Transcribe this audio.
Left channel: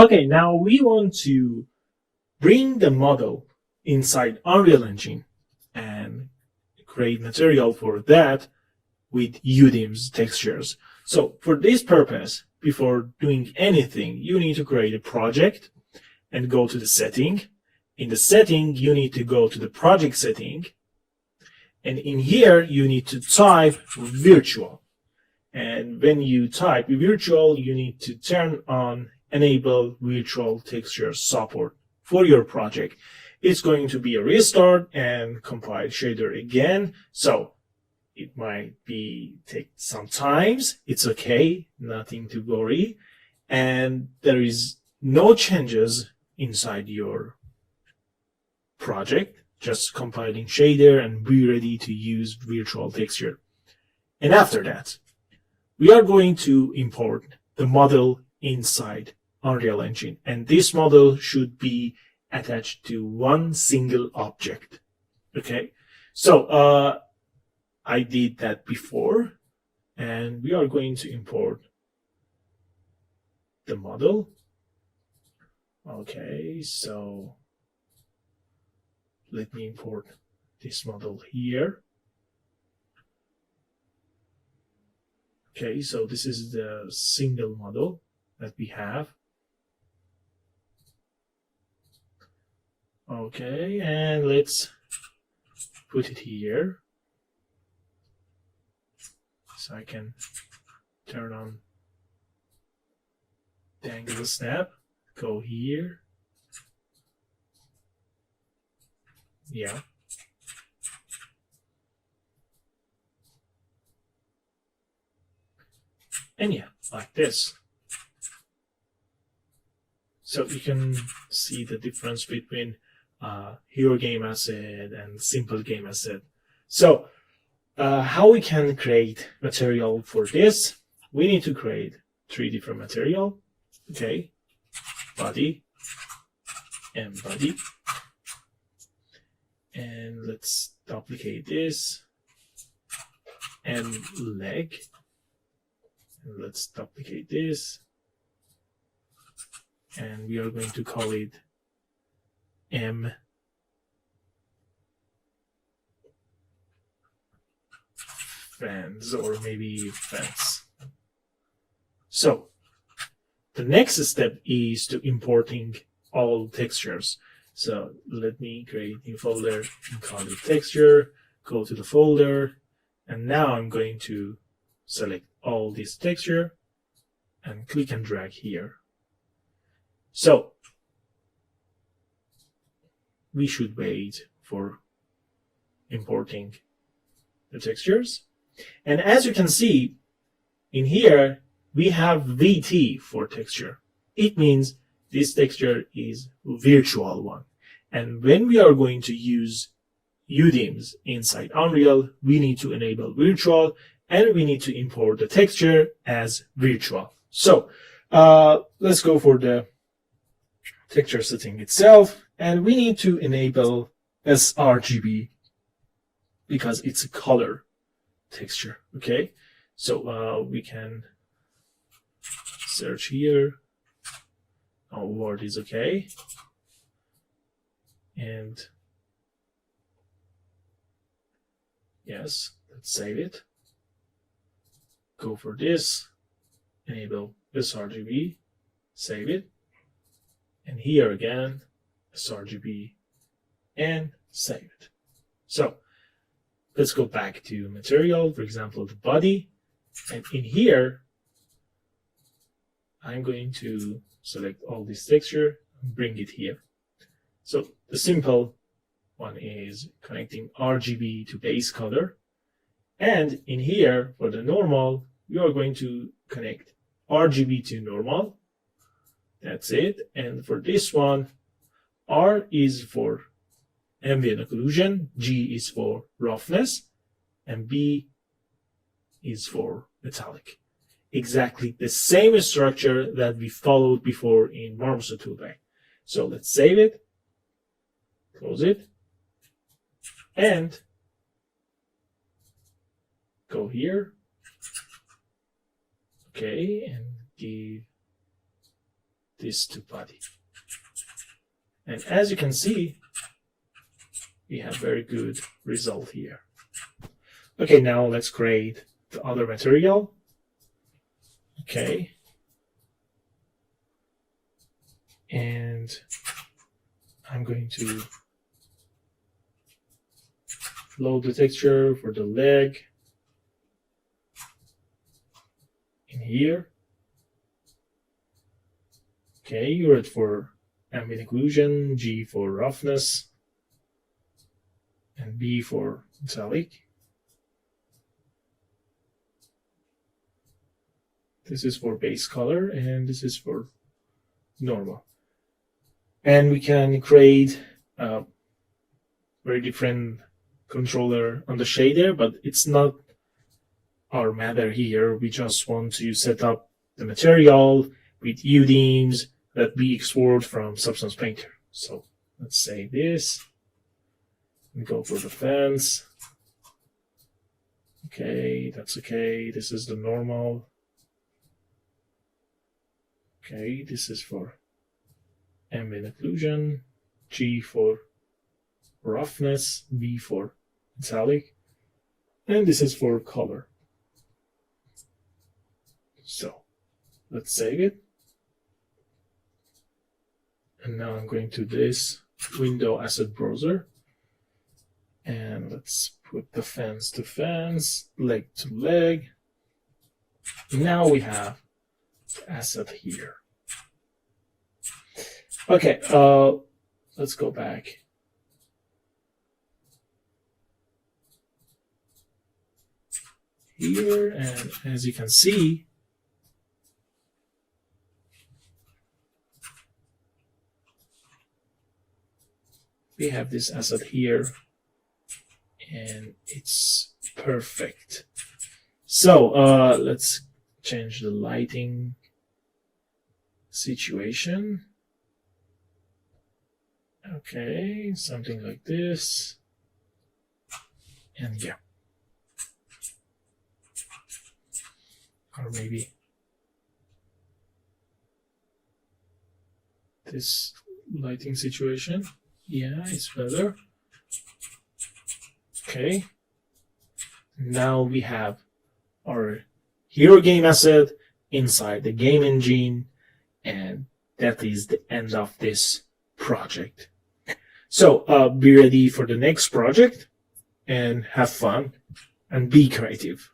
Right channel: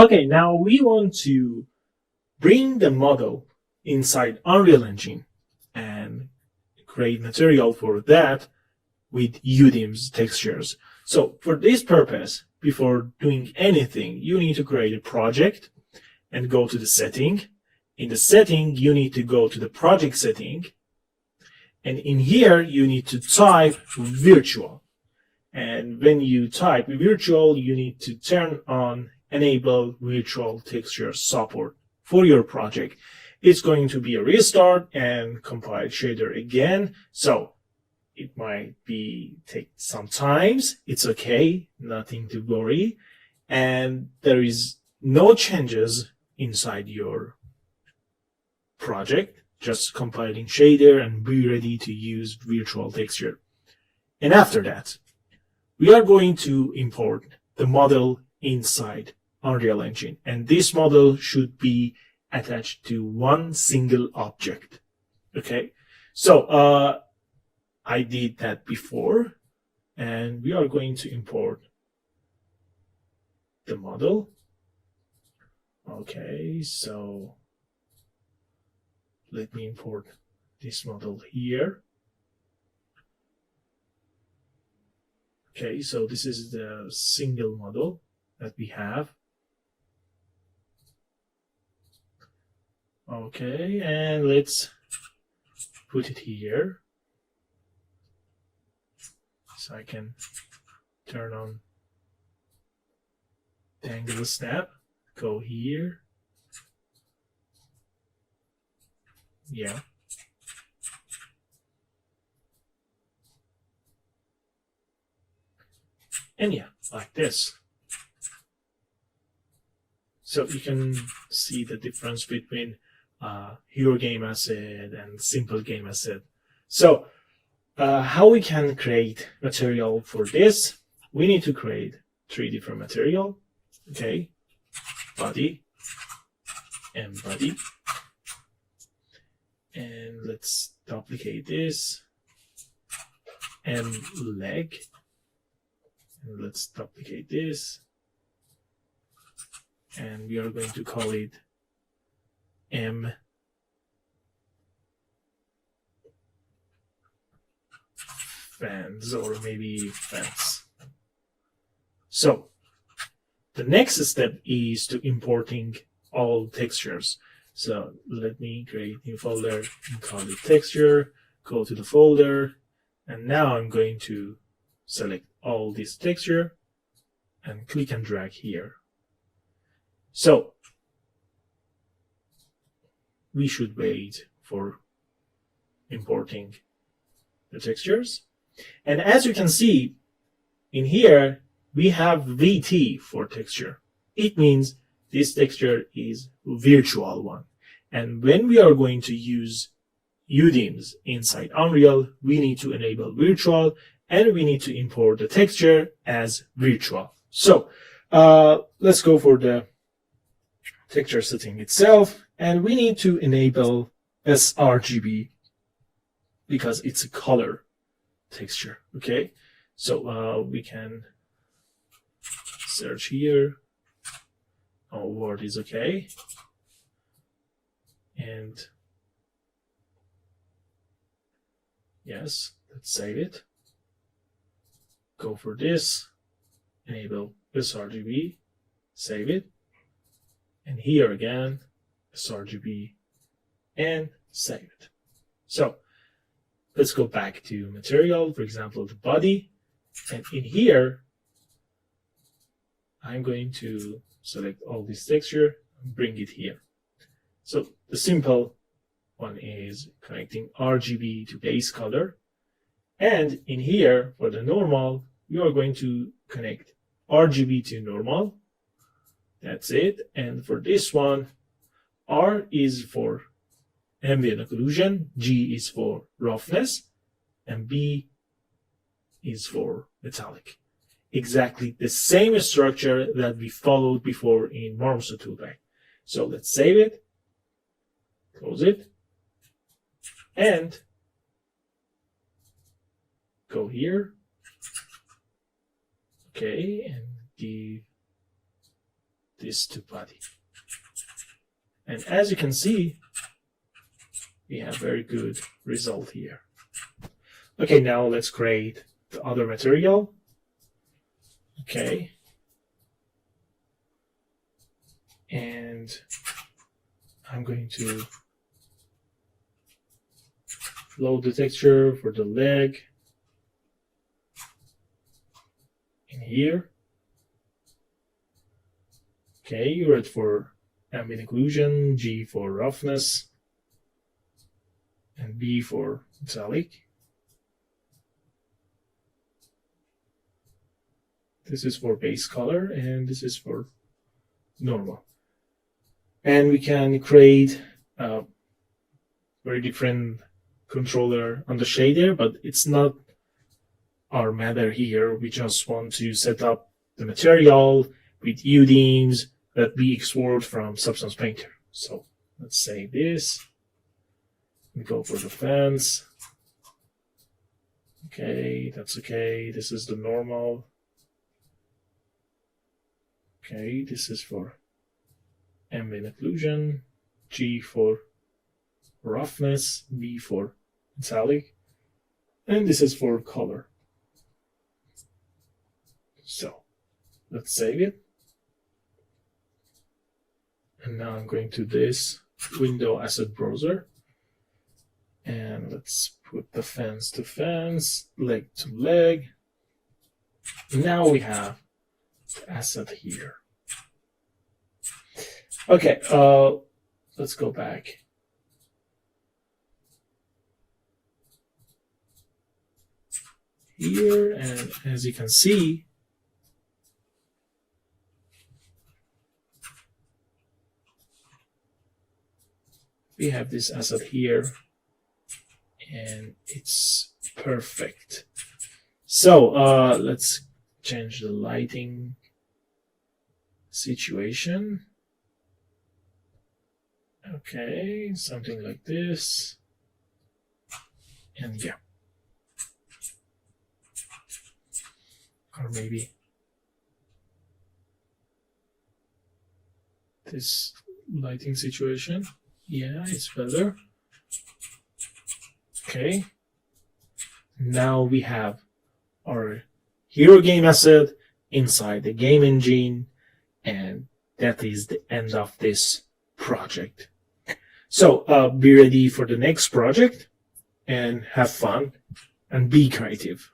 Okay, now we want to bring the model inside Unreal Engine and create material for that with UDIMS textures. So for this purpose, before doing anything, you need to create a project and go to the setting. In the setting, you need to go to the project setting. And in here, you need to type virtual. And when you type virtual, you need to turn on enable virtual texture support for your project. It's going to be a restart and compile shader again. So it might take some times. It's okay, nothing to worry. And there is no changes inside your project, just compiling shader and be ready to use virtual texture. And after that, we are going to import the model inside Unreal Engine. And this model should be attached to one single object. Okay, so I did that before, and we are going to import the model. Okay, so let me import this model here. Okay, so this is the single model that we have. Okay, and let's put it here. So I can turn on the angle snap, go here. Yeah. And yeah, like this. So you can see the difference between Hero Game Asset and Simple Game Asset. So how we can create material for this? We need to create 3 different material. Okay, body and body. And let's duplicate this and leg. And let's duplicate this. And we are going to call it M fans or maybe fans. So the next step is to importing all textures. So let me create a new folder and call it texture, go to the folder, and now I'm going to select all this texture and click and drag here. So we should wait for importing the textures. And as you can see in here, we have VT for texture. It means this texture is virtual one. And when we are going to use UDIMS inside Unreal, we need to enable virtual and we need to import the texture as virtual. So let's go for the texture setting itself, and we need to enable sRGB because it's a color texture. Okay, so we can search here. Oh, word is okay, and yes, let's save it. Go for this, enable sRGB, save it. And here again, sRGB, and save it. So let's go back to material, for example, the body. And in here, I'm going to select all this texture and bring it here. So the simple one is connecting RGB to base color. And in here, for the normal, you are going to connect RGB to normal. That's it. And for this one, R is for ambient occlusion, G is for roughness, and B is for metallic. Exactly the same structure that we followed before in Marmoset toolbag. So let's save it, close it, and go here. Okay, and give these two bodies. And as you can see, we have very good result here. Okay, now let's create the other material. Okay. And I'm going to load the texture for the leg in here. Okay, red for ambient occlusion, G for roughness, and B for metallic. This is for base color, and this is for normal. And we can create a very different controller on the shader, but it's not our matter here. We just want to set up the material with UDIMS that we export from Substance Painter. So let's save this and go for the fence. Okay, that's okay. This is the normal. Okay, this is for ambient occlusion, G for roughness, B for metallic, and this is for color. So let's save it. And now I'm going to this window asset browser, and let's put the fence to fence, leg to leg. Now we have the asset here. Okay, let's go back. Here, and as you can see, we have this asset here, and it's perfect. So let's change the lighting situation. Okay, something like this. And yeah. Or maybe this lighting situation. Yeah, it's better. Okay. Now we have our hero game asset inside the game engine, and that is the end of this project. So be ready for the next project and have fun and be creative.